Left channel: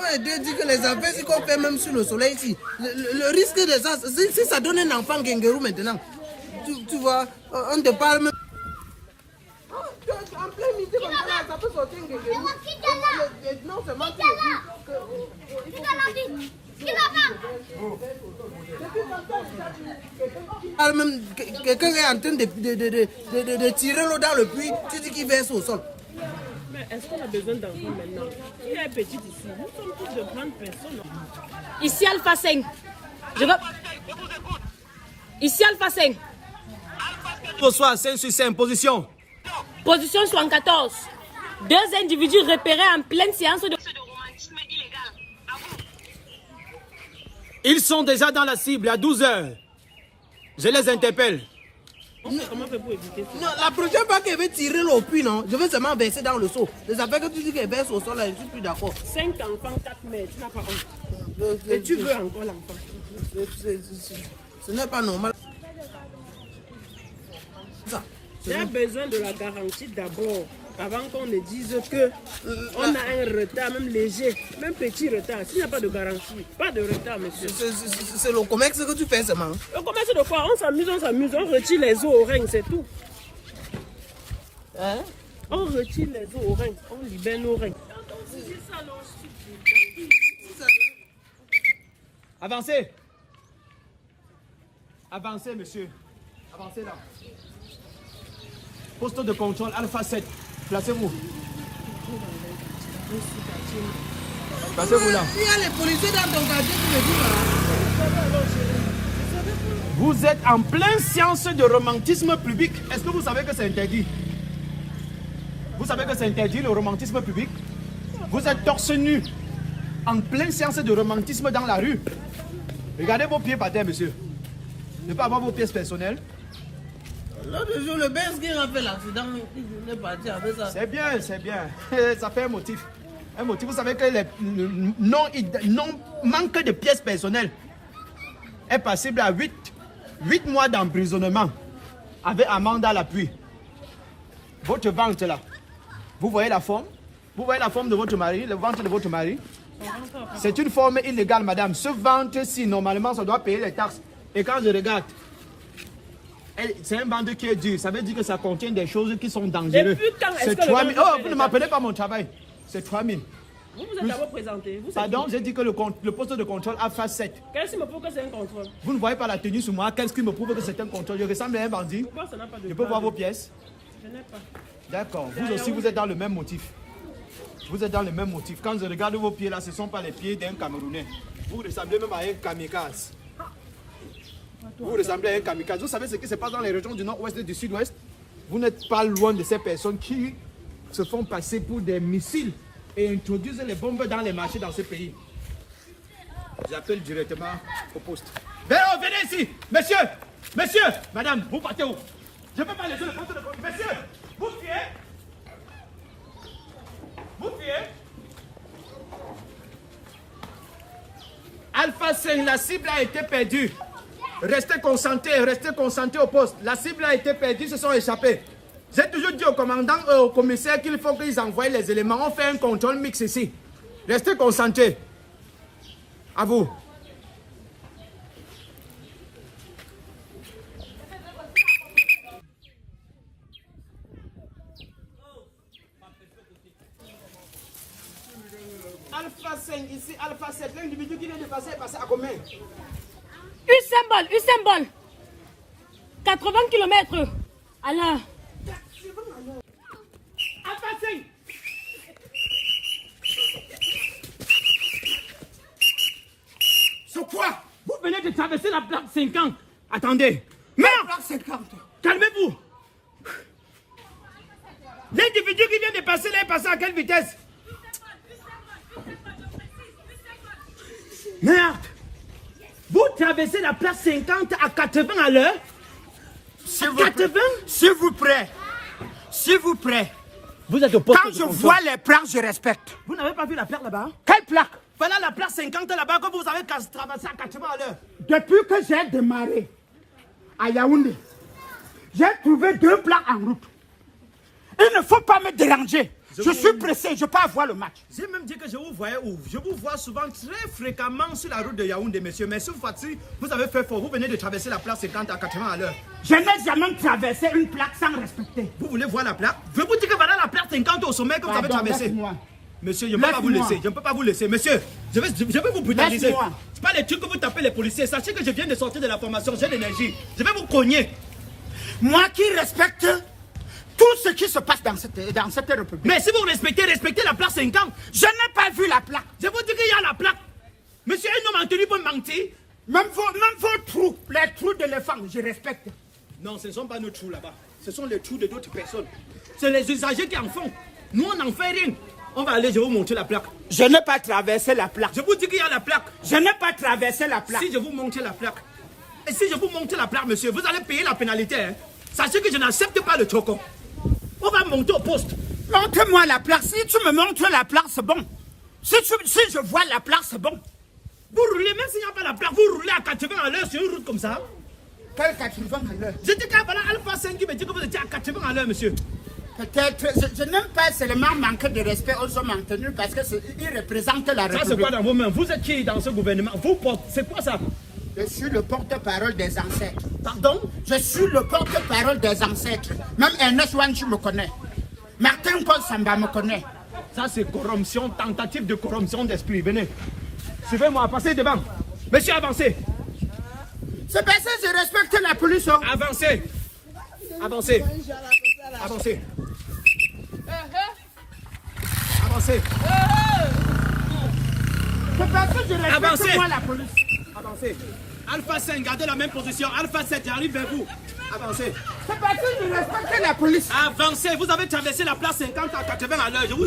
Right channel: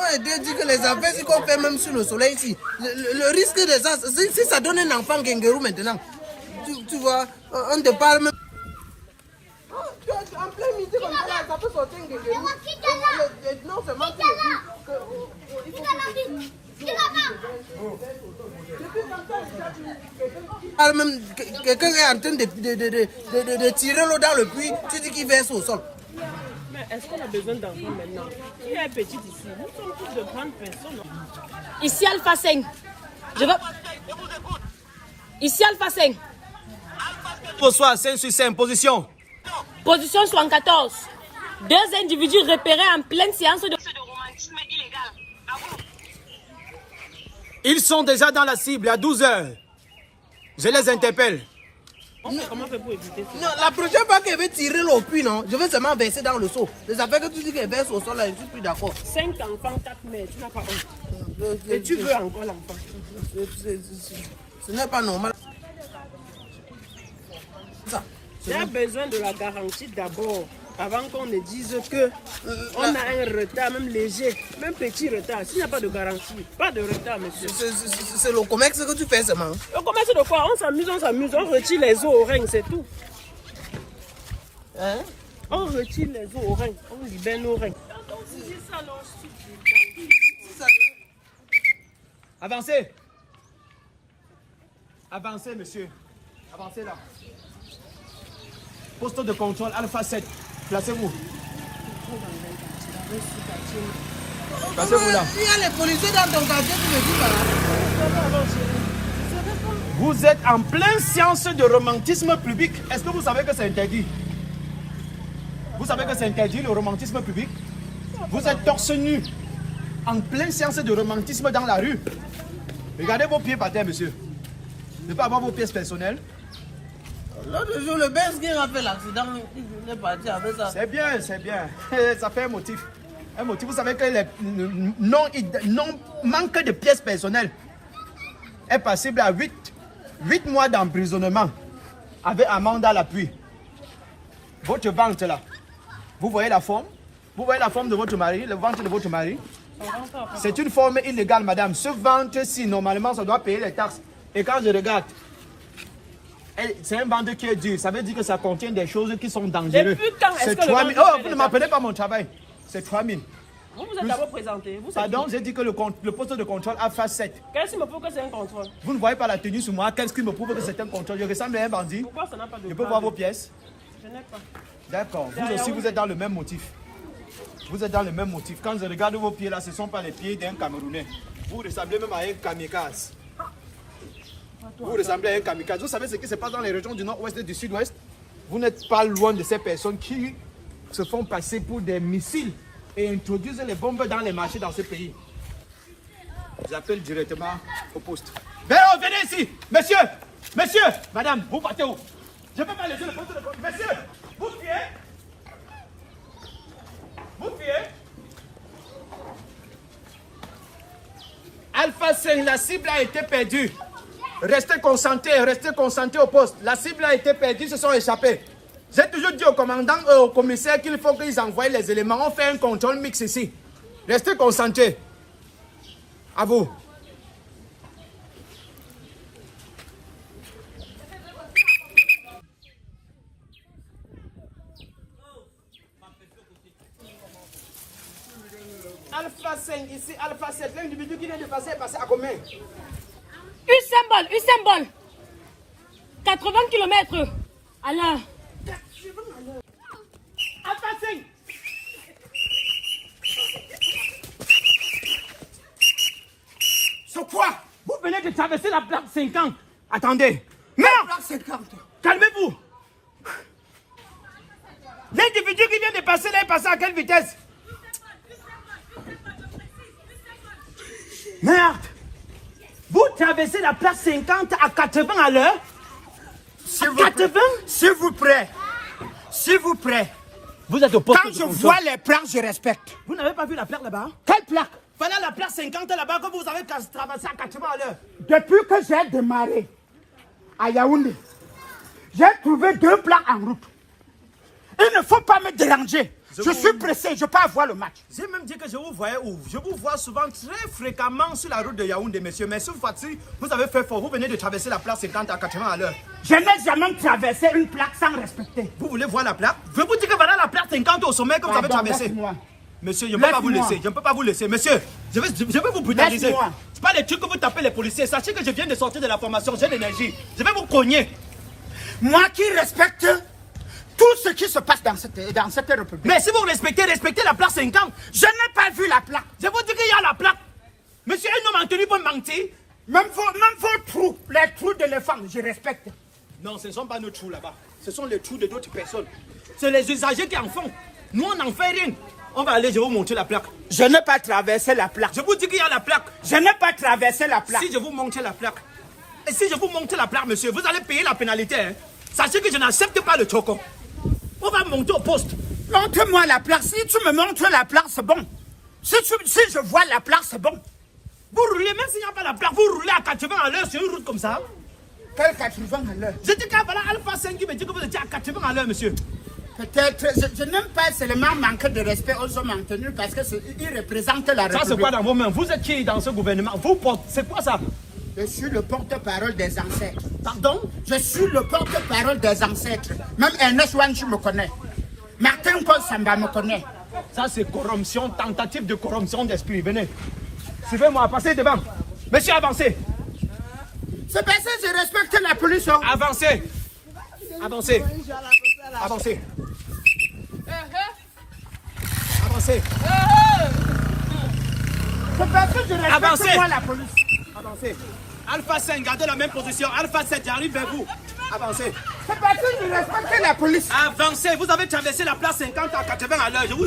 Ouais, Dieu dit que les affaires, si qu'on fait même sur le soleil ici, le risque de ça, si ça donne un enfant Gengarou maintenant, tu vois, on te parle même. En plein midi comme ça, là, ça peut sortir un Gengarou. Non seulement tu le dis que même quelqu'un est en train de tirer l'eau dans le puits, tu dis qu'il verse au sol. Mais est-ce qu'on a besoin d'enfants maintenant? Qui est petit ici? Nous sommes tous de grandes personnes. Ici Alpha 5. Je veux... Ici Alpha 5. Bonsoir, 565, position. Position 74. Deux individus repérés en pleine séance de romantisme illégal. À vous. Ils sont déjà dans la cible à 12 h. Je les interpelle. Comment faire pour éviter ça? Non, la prochaine fois qu'elle veut tirer l'eau puits, non, je vais seulement verser dans le seau. Les affaires que tu dis qu'elle verse au sol, là, je ne suis plus d'accord. 5 enfants, 4 mètres, ça par an. Et tu veux encore l'enfant? Ce n'est pas normal. J'ai besoin de la garantie d'abord, avant qu'on ne dise que on a un retard, même léger, même petit retard. S'il n'y a pas de garantie, pas de retard, monsieur. C'est le commerce que tu fais seulement. Le commerce de quoi? On s'amuse, on retire les os au règne, c'est tout. Hein? On retire les os au règne, on libère nos règnes. Avancez. Avancez, monsieur. Avancez là. Poste de contrôle Alpha 7. Placez-vous. Placez-vous là. Il y a les policiers dans ton quartier qui me disent voilà. Vous êtes en pleine séance de romantisme public. Est-ce que vous savez que c'est interdit? Vous savez que c'est interdit le romantisme public? Vous êtes torse nu en pleine séance de romantisme dans la rue. Regardez vos pieds par terre, monsieur. Ne pas avoir vos pièces personnelles. L'autre jour, le Benz qui a fait l'accident, il est parti avec ça. C'est bien, c'est bien. Ça fait un motif. Un motif. Vous savez que le manque de pièces personnelles est passible à 8 mois d'emprisonnement avec amende à l'appui. Votre ventre là, vous voyez la forme? Vous voyez la forme de votre mari, le ventre de votre mari? C'est une forme illégale, madame. Ce ventre-ci, normalement, ça doit payer les taxes. Et quand je regarde, c'est un ventre qui est dur. Ça veut dire que ça contient des choses qui sont dangereuses. C'est 3 000. Oh, vous ne m'appelez pas mon travail. C'est 3 000. Vous vous êtes d'abord présenté. Vous Pardon, j'ai dit que le poste de contrôle a fait 7. Qu'est-ce qui me prouve que c'est un contrôle? Vous ne voyez pas la tenue sur moi. Qu'est-ce qui me prouve que c'est un contrôle? Je ressemble à un bandit. Pourquoi ça n'a pas de Je peux voir vos pièces? Je n'ai pas. D'accord. Vous aussi, vous êtes dans le même motif. Vous êtes dans le même motif. Quand je regarde vos pieds là, ce ne sont pas les pieds d'un Camerounais. Vous ressemblez même à un kamikaze. Vous ressemblez à un kamikaze. Vous savez ce qui se passe dans les régions du nord-ouest et du sud-ouest? Vous n'êtes pas loin de ces personnes qui se font passer pour des missiles et introduisent les bombes dans les marchés dans ce pays. J'appelle directement au poste. Venez ici! Monsieur! Monsieur! Madame, vous partez où? Je ne peux pas laisser le poste de contrôle. Monsieur! Vous fuyez? Vous fuyez? Alpha 5, la cible a été perdue. Restez concentrés au poste. La cible a été perdue, se sont échappés. J'ai toujours dit au commandant et au commissaire qu'il faut qu'ils envoient les éléments. On fait un contrôle mix ici. Restez concentrés. À vous. Alpha 5, ici Alpha 7. L'individu qui vient de passer est passé à combien? Usain Bolt. 80 km. Alors. Alpha 5. C'est quoi? Vous venez de traverser la plaque 50. Attendez. Merde! Plaque 50. Calmez-vous. L'individu qui vient de passer là est passé à quelle vitesse? Merde! Vous traversez la place 50 à 80 à l'heure? 80? S'il vous plaît. S'il vous plaît. Vous êtes au poste. Quand je vois les plaques, je respecte. Vous n'avez pas vu la plaque là-bas? Quelle plaque? Voilà la place 50 là-bas que vous avez traversé à 80 à l'heure. Depuis que j'ai démarré à Yaoundé, j'ai trouvé 2 plaques en route. Il ne faut pas me déranger. Je suis pressé, je peux avoir le match. J'ai même dit que je vous voyais où? Je vous vois souvent très fréquemment sur la route de Yaoundé, monsieur. Mais cette fois-ci, vous avez fait fort. Vous venez de traverser la place 50 à 80 à l'heure. Je n'ai jamais traversé une plaque sans respecter. Vous voulez voir la plaque? Je vous dis que voilà la plaque 50 au sommet que vous avez traversé. Monsieur, je ne peux pas vous laisser. Je ne peux pas vous laisser. Monsieur, je vais vous brutaliser. C'est pas les trucs que vous tapez les policiers. Sachez que je viens de sortir de la formation. J'ai l'énergie. Je vais vous cogner. Moi qui respecte tout ce qui se passe dans cette république. Mais si vous respectez la plaque 50. Je n'ai pas vu la plaque. Je vous dis qu'il y a la plaque. Monsieur, un homme en tenue peut mentir. Même vos trous, les trous d'éléphant, je respecte. Non, ce ne sont pas nos trous là-bas. Ce sont les trous de d'autres personnes. C'est les usagers qui en font. Nous, on n'en fait rien. On va aller, je vais vous montrer la plaque. Je n'ai pas traversé la plaque. Je vous dis qu'il y a la plaque. Je n'ai pas traversé la plaque. Si je vous montre la plaque, et si je vous montre la plaque, monsieur, vous allez payer la pénalité. Hein. Sachez que je n'accepte pas le choco. On va monter au poste. Montre-moi la plaque. Si tu me montres la plaque, c'est bon. Si je vois la plaque, c'est bon. Vous roulez, même s'il n'y a pas la plaque, vous roulez à 80 à l'heure sur une route comme ça. Quel 80 à l'heure? Je dis que voilà Alpha 5 qui me dit que vous étiez à 80 à l'heure, monsieur. Peut-être, je n'aime pas seulement manquer de respect aux hommes en tenue parce qu'ils représentent la République. Ça, c'est quoi dans vos mains? Vous êtes qui dans ce gouvernement? Vous portez, c'est quoi ça? Je suis le porte-parole des ancêtres. Pardon? Je suis le porte-parole des ancêtres. Même Ernest Wanchi me connaît. Martin Paul Samba me connaît. Ça, c'est corruption, tentative de corruption d'esprit. Venez. Suivez-moi, passez devant. Monsieur, avancez. C'est parce que je respecte la police. Hein. Avancez. Avancez. Avancez. Avancez. C'est parce que je respecte moi la police. Avancez. Alpha 5, gardez la même position. Alpha 7, j'arrive vers vous. Avancez. C'est parce que je respecte la police. Avancez. Vous avez traversé la place 50 à 80 à l'heure. Je suis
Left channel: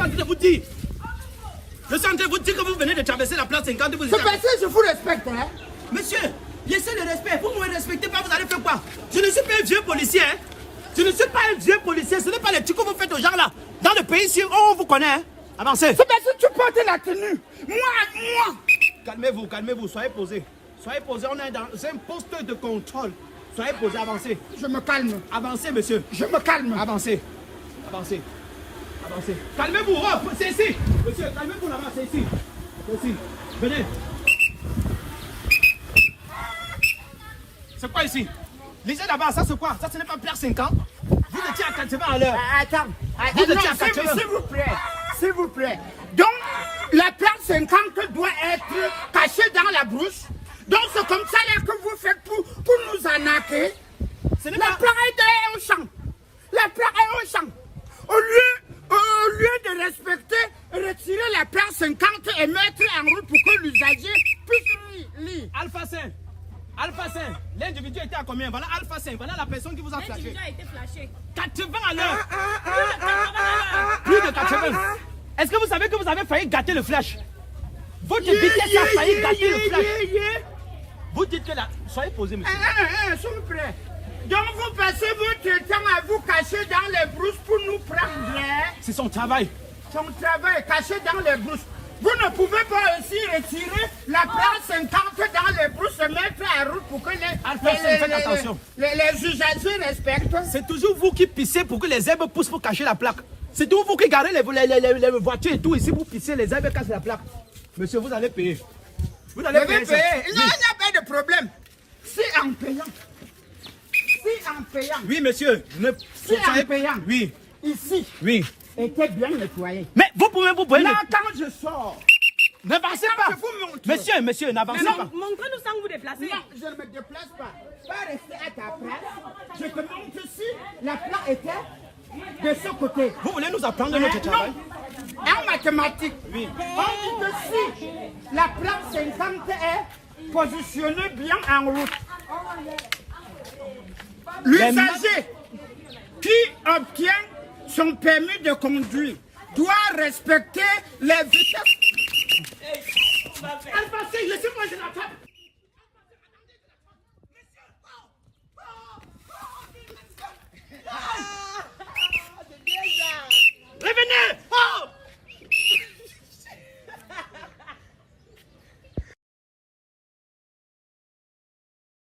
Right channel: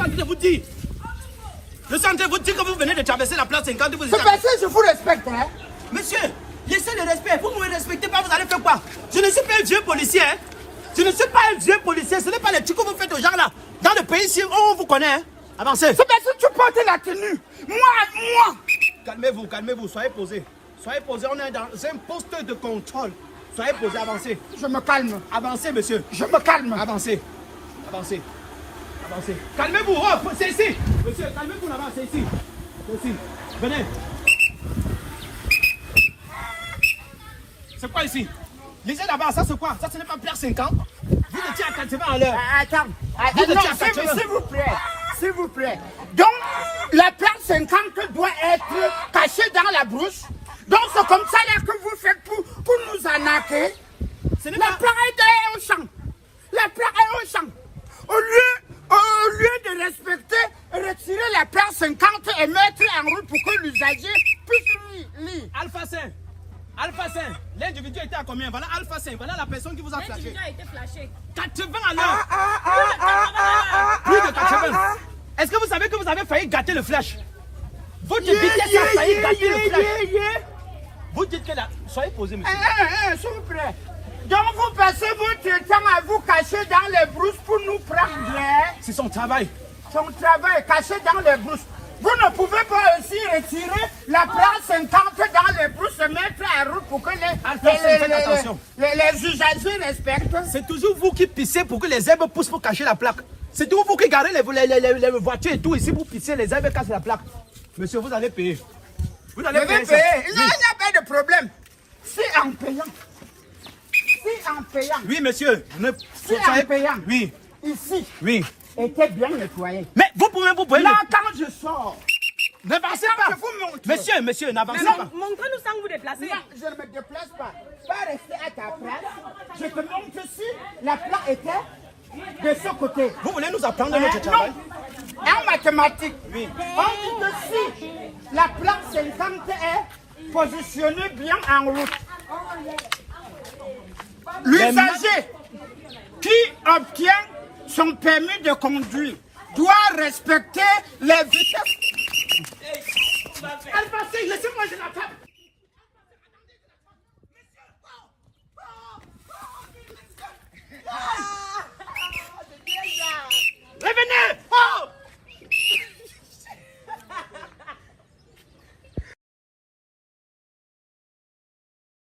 en train de vous dire. Je suis en train de vous dire que vous venez de traverser la place 50. C'est parce que je vous respecte. Hein? Monsieur, laissez le respect. Vous ne me respectez pas, vous allez faire quoi? Je ne suis pas un vieux policier. Hein? Je ne suis pas un vieux policier. Ce n'est pas les trucs que vous faites aux gens là. Dans le pays ici, on vous connaît. Hein? Avancez. C'est parce que tu portes la tenue. Moi. Calmez-vous, calmez-vous. Soyez posés. Soyez posés. On est dans un poste de contrôle. Soyez posés, avancez. Je me calme. Avancez, monsieur. Je me calme. Avancez. Avancez. Avancez. Calmez-vous. Oh, c'est ici. Monsieur, calmez-vous là-bas. C'est ici. C'est ici. Venez. C'est quoi ici? Lisez là-bas, ça c'est quoi? Ça ce n'est pas plaque 50. Vous étiez à 80 à l'heure. Attends. S'il vous plaît. S'il vous plaît. Donc, la plaque 50 doit être cachée dans la brousse. Donc, c'est comme ça là que vous faites pour nous arnaquer. La plaque est au champ. La plaque est au champ. Au lieu de respecter, retirer la plaque 50 et mettre en route pour que l'usager puisse lire. Alpha 5. Alpha 5, l'individu était à combien? Voilà Alpha 5, voilà la personne qui vous a flashé. L'individu a été flashé. 80 à l'heure. Plus de 80. Est-ce que vous savez que vous avez failli gâter le flash? Votre vitesse a failli gâter le flash. Vous dites que là, soyez posé, monsieur. S'il vous plaît. Donc vous passez votre temps à vous cacher dans les brousses pour nous prendre. C'est son travail. Son travail, caché dans les brousses. Vous ne pouvez pas aussi retirer la plaque 50 dans les brousses et mettre en route pour que les usagers respectent. C'est toujours vous qui pissez pour que les herbes poussent pour cacher la plaque. C'est toujours vous qui garez les voitures et tout. Ici, vous pissez, les herbes cachent la plaque. Monsieur, vous allez payer. Vous allez payer. Il n'y a pas de problème. C'est en payant. C'est en payant. Oui, monsieur. C'est en payant. Oui. Ici. Oui. Était bien nettoyé. Mais vous pouvez vous payer. Non, quand je sors. N'avancez pas. Je vous montre. Monsieur, n'avancez pas. Montrez-nous sans vous déplacer. Non, je ne me déplace pas. Pas rester à ta place. Je te montre si la plaque était de ce côté. Vous voulez nous apprendre notre travail? Non. En mathématiques, oui. On dit que si la plaque 50 est positionnée bien en route, l'usager qui obtient son permis de conduire doit respecter les vitesses. Laissez-moi, je n'attends pas.